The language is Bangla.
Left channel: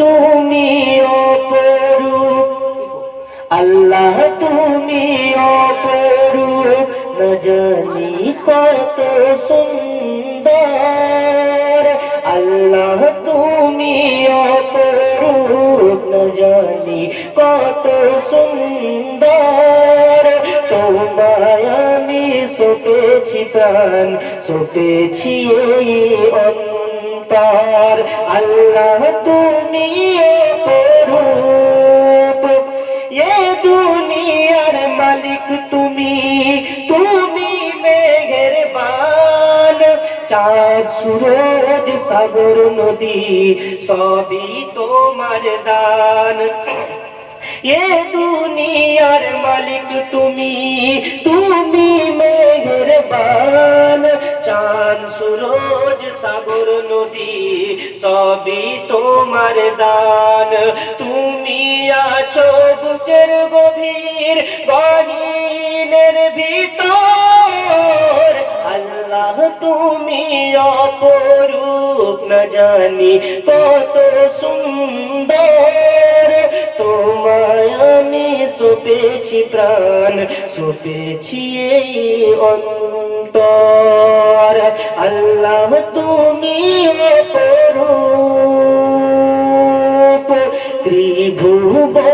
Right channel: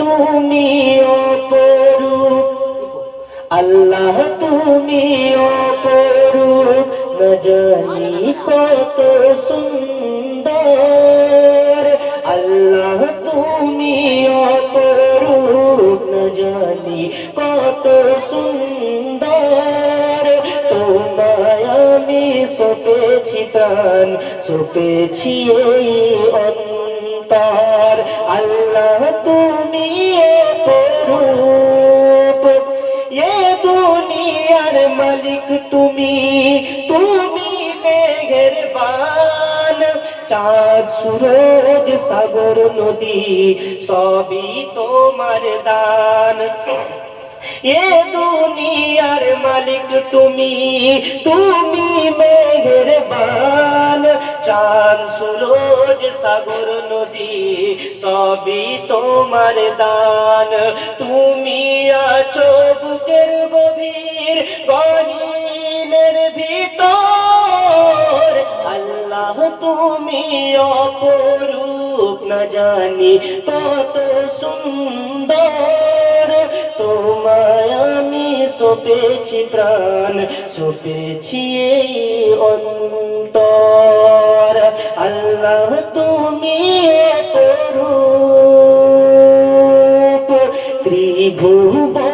তুমি অপরূপ, আল্লাহ তুমি অপরূপ, না জানি কত সুন্দর। আল্লাহ তুমি অপরূপ, না জানি কত সুন্দর। তোমায় আমি সপেছি প্রাণ, সপেছি এই অন্তর। আল্লাহ তুমি অপরূপ, এ দুনিয়ার মালিক তুমি, তুমি মেহেরবান। চাঁদ সূরজ সাগর নদী সবই তোমার দান। এ দুনিয়ার মালিক তুমি, তুমি মেহেরবান। চাঁদ সূরজ সাগর নদী সবই তোমার দান। তুমি আছো বুকের গভীর গহীনের ভিতর। আল্লাহ তুমি অপরূপ, না জানি কত সুন্দর। তোমায় আমি সপেছি প্রাণ, সপেছি এই অন্তর। আল্লাহ তুমি অপরূপ, ত্রিভুবন